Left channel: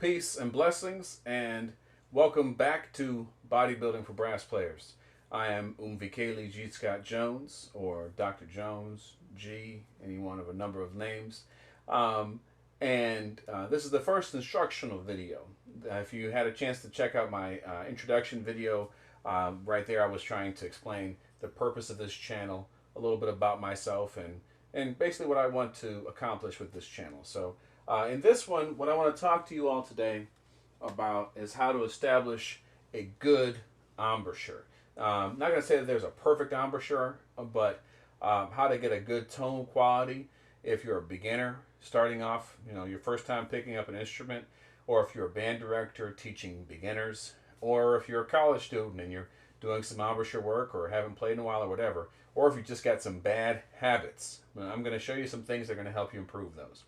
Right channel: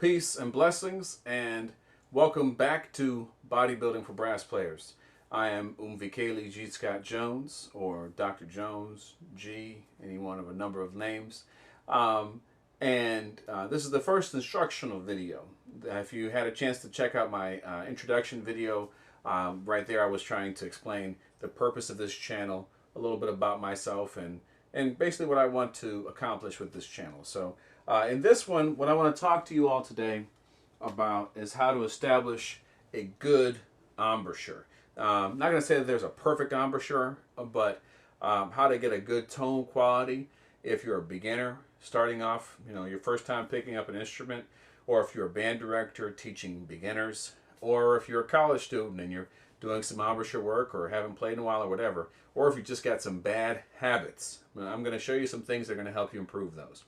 Peace and blessings, and welcome back to Bodybuilding for Brass Players. I am Umvikeli G. Scott Jones, or Dr. Jones, G, any one of a number of names. This is the first instructional video. If you had a chance to check out my introduction video, right there I was trying to explain the purpose of this channel, a little bit about myself, and basically what I want to accomplish with this channel. So in this one, what I want to talk to you all today about is how to establish a good embouchure. I'm not going to say that there's a perfect embouchure, but how to get a good tone quality if you're a beginner starting off, your first time picking up an instrument, or if you're a band director teaching beginners, or if you're a college student and you're doing some embouchure work or haven't played in a while or whatever, or if you just got some bad habits. I'm going to show you some things that are going to help you improve those.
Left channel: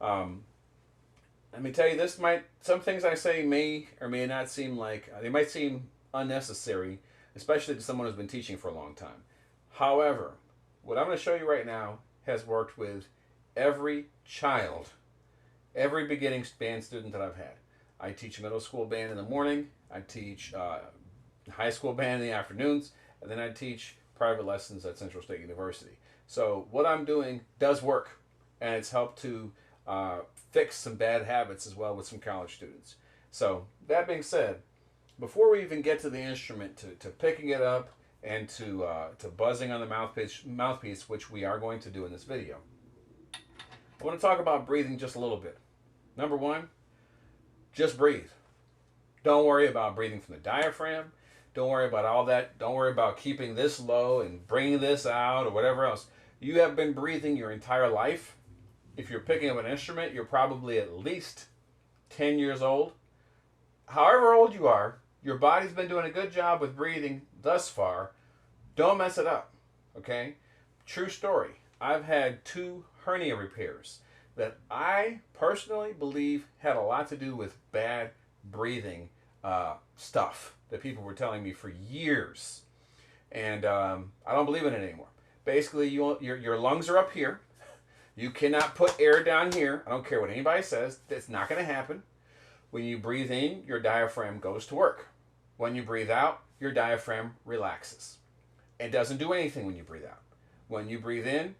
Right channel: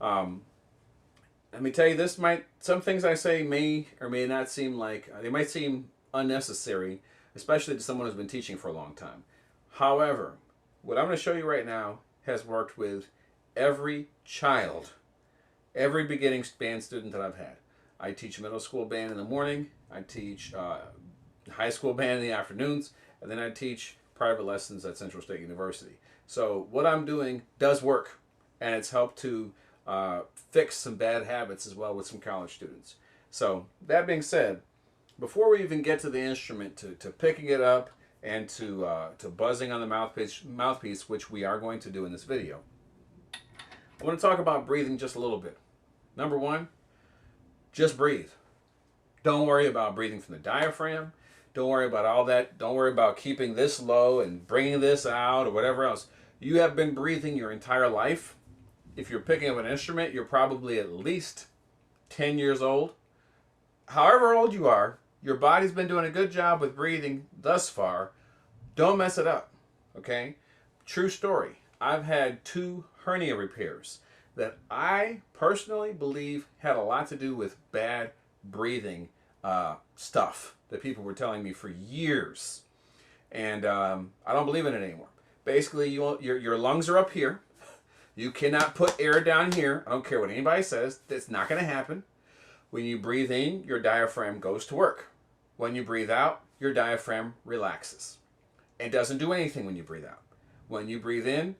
Let me tell you, some things I say may or may not seem like, they might seem unnecessary, especially to someone who's been teaching for a long time. However, what I'm going to show you right now has worked with every child, every beginning band student that I've had. I teach middle school band in the morning, I teach high school band in the afternoons, and then I teach private lessons at Central State University. So what I'm doing does work, and it's helped to fix some bad habits as well with some college students. So that being said, before we even get to the instrument, to picking it up and to buzzing on the mouthpiece, which we are going to do in this video, I want to talk about breathing just a little bit. Number one, just breathe. Don't worry about breathing from the diaphragm. Don't worry about all that. Don't worry about keeping this low and bringing this out or whatever else. You have been breathing your entire life. If you're picking up an instrument, you're probably at least 10 years old. However old you are, your body's been doing a good job with breathing thus far. Don't mess it up, okay? True story. I've had 2 hernia repairs that I personally believe had a lot to do with bad breathing stuff that people were telling me for years. And I don't believe in it anymore. Basically, your lungs are up here. You cannot put air down here. I don't care what anybody says. That's not going to happen. When you breathe in, your diaphragm goes to work. When you breathe out, your diaphragm relaxes. It doesn't do anything when you breathe out. When you breathe in,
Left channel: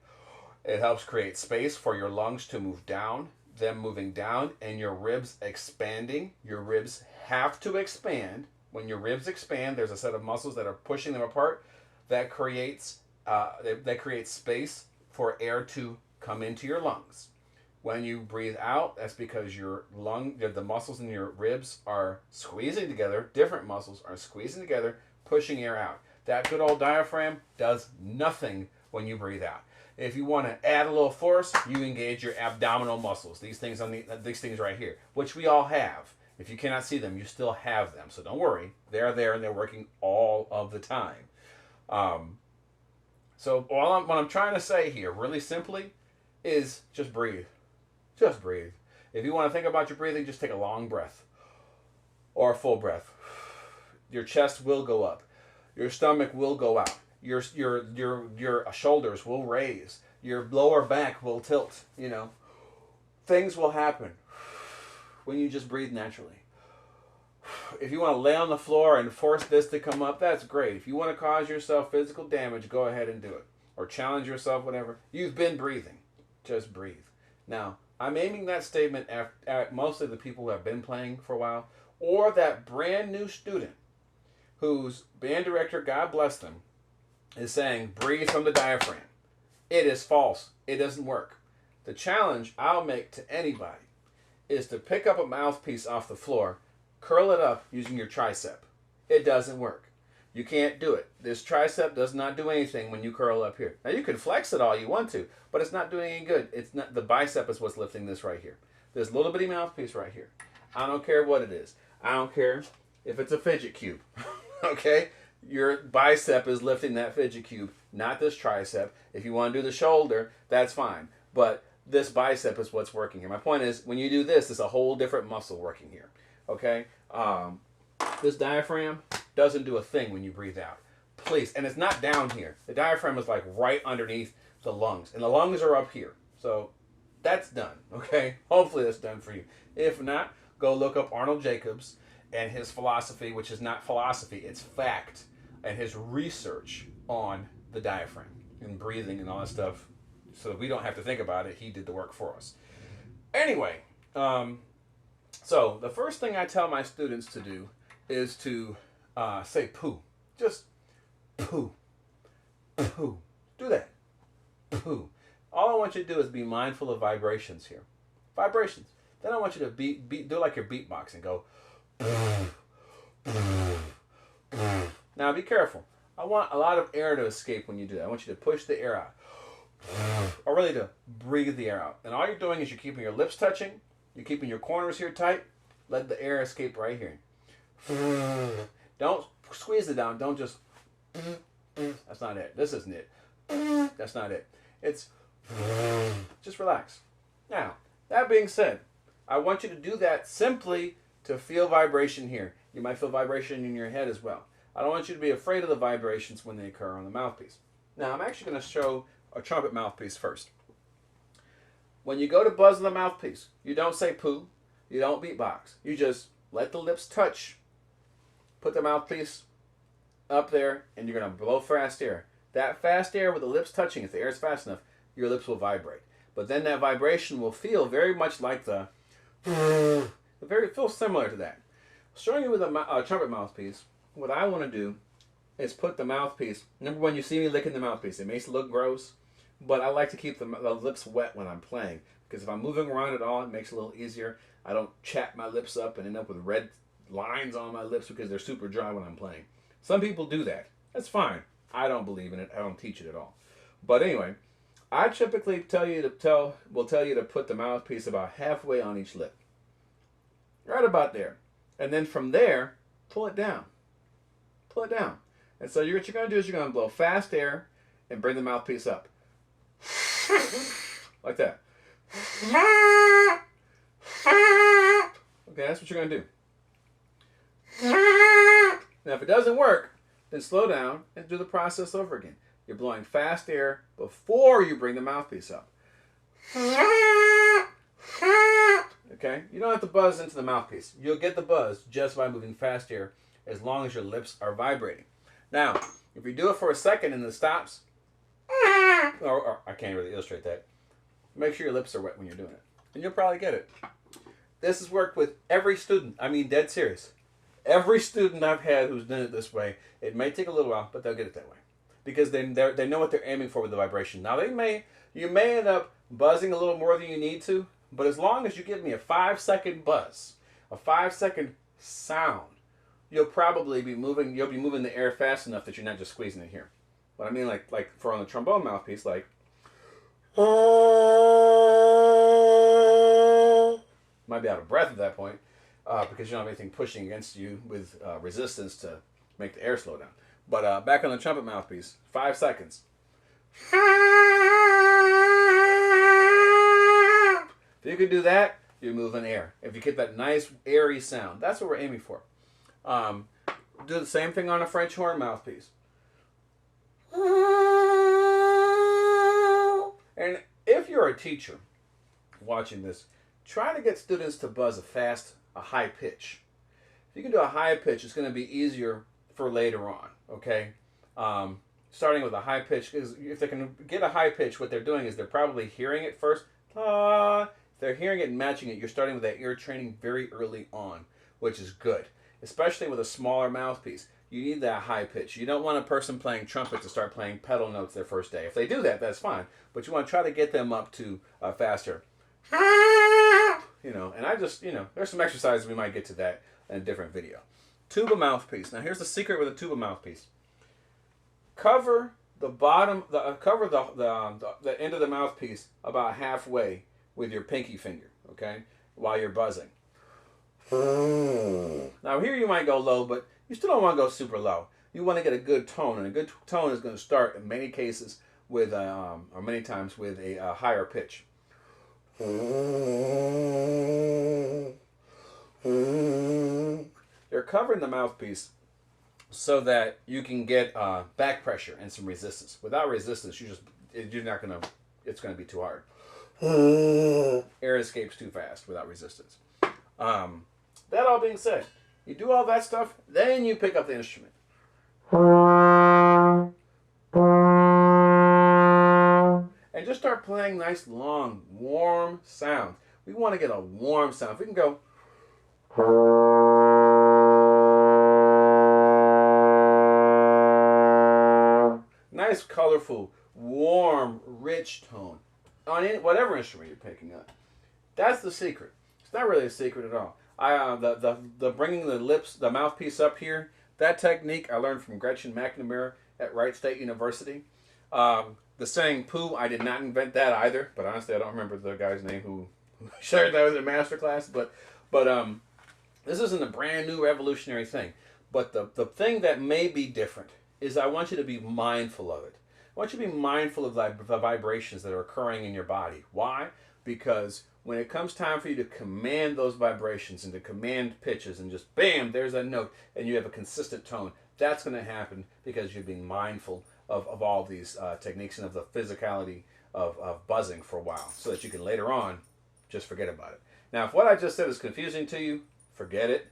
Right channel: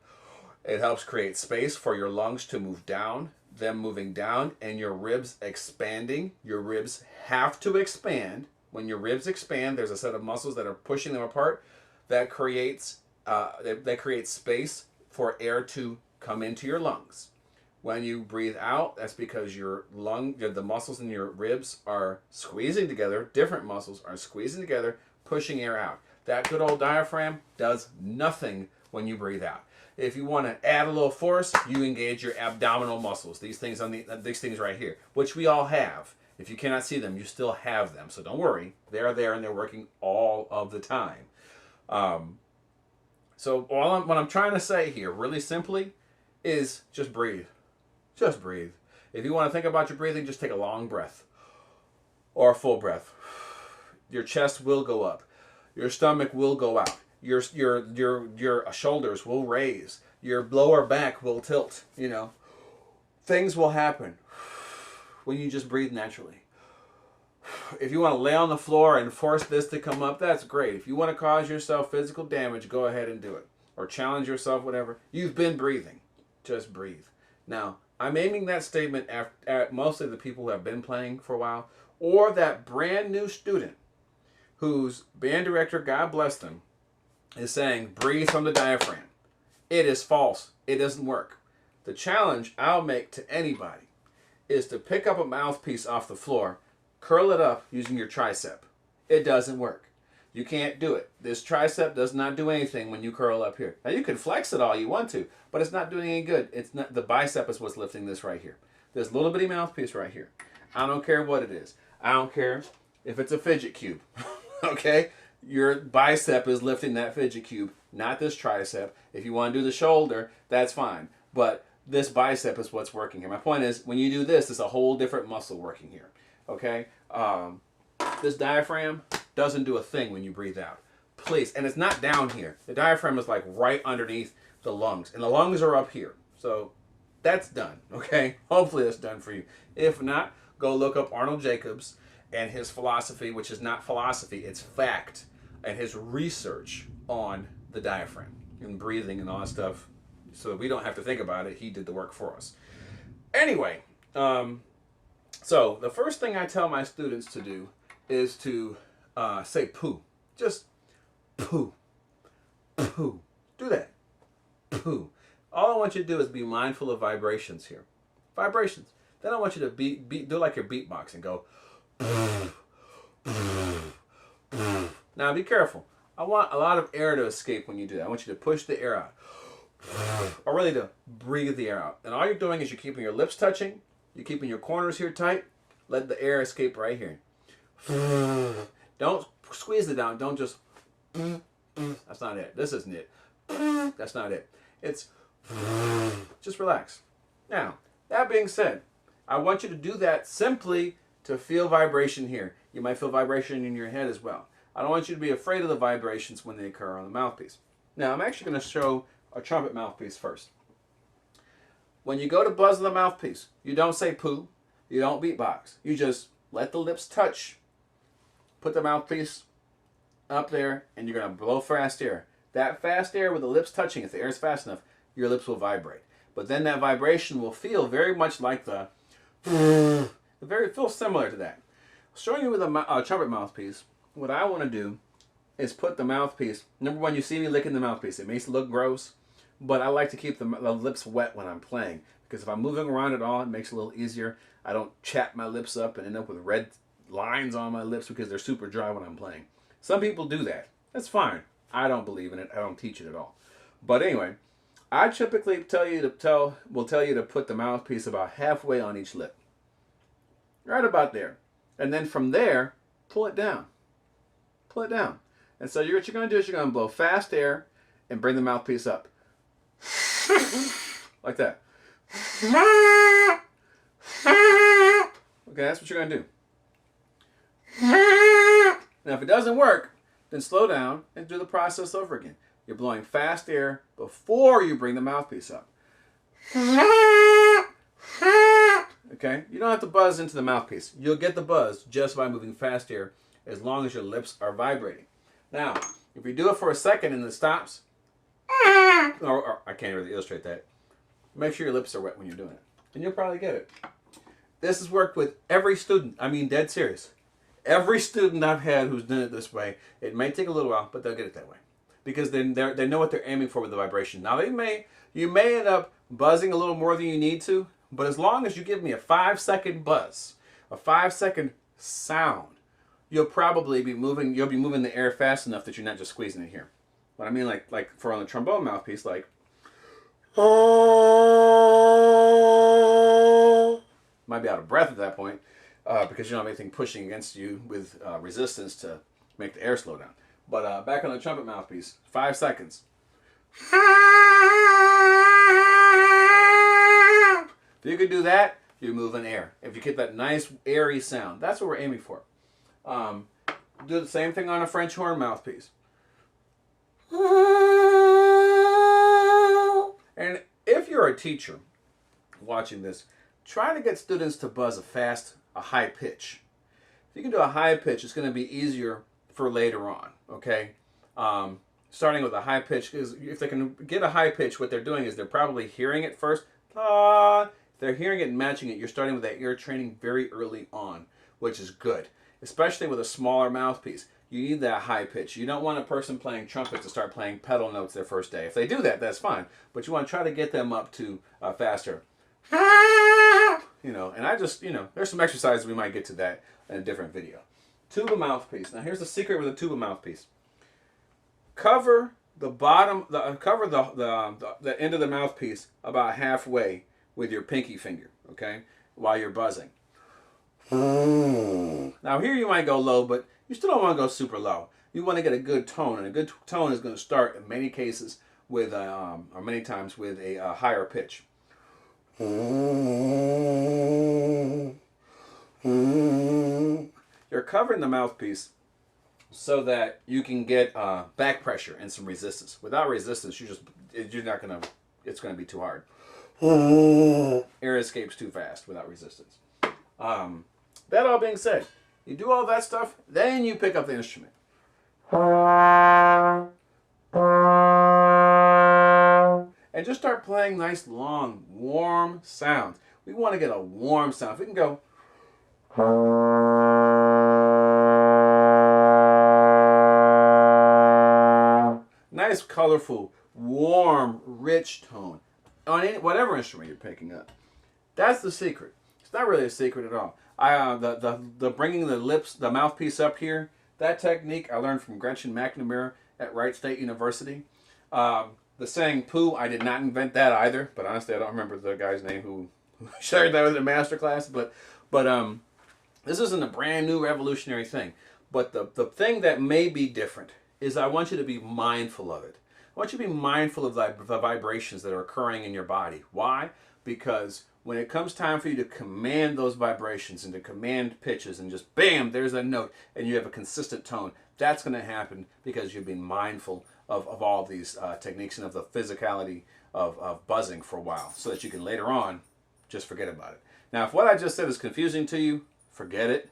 it helps create space for your lungs to move down, them moving down, and your ribs expanding. Your ribs have to expand. When your ribs expand, there's a set of muscles that are pushing them apart. That creates space for air to come into your lungs. When you breathe out, that's because the muscles in your ribs are squeezing together. Different muscles are squeezing together, pushing air out. That good old diaphragm does nothing when you breathe out. If you want to add a little force, you engage your abdominal muscles. These things right here, which we all have. If you cannot see them, you still have them. So don't worry, they're there and they're working all of the time. So what I'm trying to say here, really simply, is just breathe. Just breathe. If you want to think about your breathing, just take a long breath or a full breath. Your chest will go up. Your stomach will go out. Your shoulders will raise. Your lower back will tilt. Things will happen when you just breathe naturally. If you want to lay on the floor and force this to come up, that's great. If you want to cause yourself physical damage, go ahead and do it. Or challenge yourself, whatever. You've been breathing. Just breathe. Now, I'm aiming that statement at mostly the people who have been playing for a while, or that brand new student whose band director, God bless them, is saying, breathe from the diaphragm. It is false. It doesn't work. The challenge I'll make to anybody is to pick up a mouthpiece off the floor, curl it up using your tricep. It doesn't work. You can't do it. This tricep does not do anything when you curl up here. Now you can flex it all you want to, but it's not doing any good. It's not. The bicep is what's lifting this right here. This little bitty mouthpiece right here. I don't care what it is. I don't care if it's a fidget cube. Okay? Your bicep is lifting that fidget cube, not this tricep. If you want to do the shoulder, that's fine. But this bicep is what's working here. My point is, when you do this, it's a whole different muscle working here. Okay? This diaphragm doesn't do a thing when you breathe out. Please. And it's not down here. The diaphragm is like right underneath the lungs. And the lungs are up here. So that's done. Okay? Hopefully that's done for you. If not, go look up Arnold Jacobs and his philosophy, which is not philosophy, it's fact, and his research on the diaphragm and breathing and all that stuff, so that we don't have to think about it. He did the work for us. Anyway, so the first thing I tell my students to do is to say poo. Just poo. Poo. Do that. Poo. All I want you to do is be mindful of vibrations here. Vibrations. Then I want you to do like you're beatboxing. Go. Now be careful. I want a lot of air to escape when you do that. I want you to push the air out. Or really to breathe the air out. And all you're doing is you're keeping your lips touching. You're keeping your corners here tight. Let the air escape right here. Don't squeeze it down. Don't just... That's not it. This isn't it. That's not it. It's... Just relax. Now, that being said, I want you to do that simply to feel vibration here. You might feel vibration in your head as well. I don't want you to be afraid of the vibrations when they occur on the mouthpiece. Now, I'm actually going to show a trumpet mouthpiece first. When you go to buzz the mouthpiece, you don't say poo. You don't beatbox. You just let the lips touch. Put the mouthpiece up there, and you're going to blow fast air. That fast air with the lips touching, if the air is fast enough, your lips will vibrate. But then that vibration will feel very much like the... Feel similar to that. Showing you with a trumpet mouthpiece, what I want to do is put the mouthpiece... Number one, you see me licking the mouthpiece. It makes it look gross, but I like to keep the lips wet when I'm playing. Because if I'm moving around at all, it makes it a little easier. I don't chap my lips up and end up with red lines on my lips because they're super dry when I'm playing. Some people do that. That's fine. I don't believe in it. I don't teach it at all. But anyway, I typically will tell you to put the mouthpiece about halfway on each lip. Right about there. And then from there, pull it down. Pull it down. And so what you're going to do is you're going to blow fast air and bring the mouthpiece up. Like that. Okay, that's what you're going to do. Now, if it doesn't work, then slow down and do the process over again. You're blowing fast air before you bring the mouthpiece up. Okay? You don't have to buzz into the mouthpiece. You'll get the buzz just by moving fast air as long as your lips are vibrating. Now, if you do it for a second and it stops, or I can't really illustrate that, make sure your lips are wet when you're doing it. And you'll probably get it. This has worked with every student. I mean, dead serious. Every student I've had who's done it this way, it may take a little while, but they'll get it that way. Because they know what they're aiming for with the vibration. Now, you may end up buzzing a little more than you need to, but as long as you give me a 5-second buzz, a 5-second sound, you'll be moving the air fast enough that you're not just squeezing it here. What I mean, like for on the trombone mouthpiece, like... Might be out of breath at that point because you don't have anything pushing against you with resistance to make the air slow down. But back on the trumpet mouthpiece, 5 seconds. If you can do that, you're moving air. If you get that nice airy sound, that's what we're aiming for. Do the same thing on a French horn mouthpiece. And if you're a teacher watching this, try to get students to buzz a high pitch. If you can do a high pitch, it's going to be easier for later on, okay? Starting with a high pitch, because if they can get a high pitch, what they're doing is they're probably hearing it first. If they're hearing it and matching it, you're starting with that ear training very early on, which is good, especially with a smaller mouthpiece. You need that high pitch. You don't want a person playing trumpet to start playing pedal notes their first day. If they do that, that's fine. But you want to try to get them up to faster. And there's some exercises we might get to that in a different video. Tuba mouthpiece. Now here's the secret with a tuba mouthpiece. Cover the end of the mouthpiece about halfway with your pinky finger, okay, while you're buzzing. Now here you might go low, but you still don't want to go super low. You want to get a good tone, and a good tone is going to start in many cases with, or many times with a higher pitch. You're covering the mouthpiece so that you can get back pressure and some resistance. Without resistance, it's going to be too hard. Air escapes too fast without resistance. That all being said, you do all that stuff, then you pick up the instrument. And just start playing nice, long, warm sounds. We want to get a warm sound. If we can go. Nice, colorful, warm, rich tone on any, whatever instrument you're picking up. That's the secret. It's not really a secret at all. The bringing the mouthpiece up here, that technique I learned from Gretchen McNamara at Wright State University. The saying "poo," I did not invent that either, but honestly, I don't remember the guy's name who shared that with a master class. But this isn't a brand new revolutionary thing. But the thing that may be different is I want you to be mindful of it. I want you to be mindful of the vibrations that are occurring in your body. Why? Because when it comes time for you to command those vibrations and to command pitches and just bam, there's a note and you have a consistent tone, that's going to happen because you've been mindful of all these techniques and of the physicality of buzzing for a while so that you can later on just forget about it. Now, if what I just said is confusing to you, forget it.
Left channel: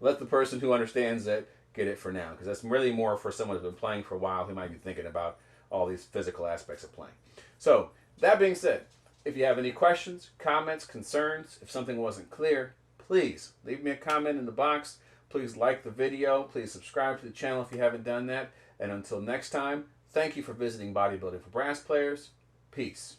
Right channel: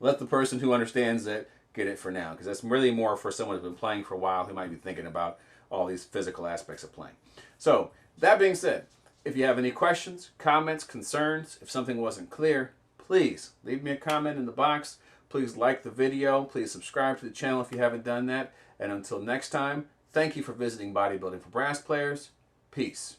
Let the person who understands it get it for now, because that's really more for someone who's been playing for a while who might be thinking about all these physical aspects of playing. So, that being said, if you have any questions, comments, concerns, if something wasn't clear, please leave me a comment in the box. Please like the video. Please subscribe to the channel if you haven't done that. And until next time, thank you for visiting Bodybuilding for Brass Players. Peace.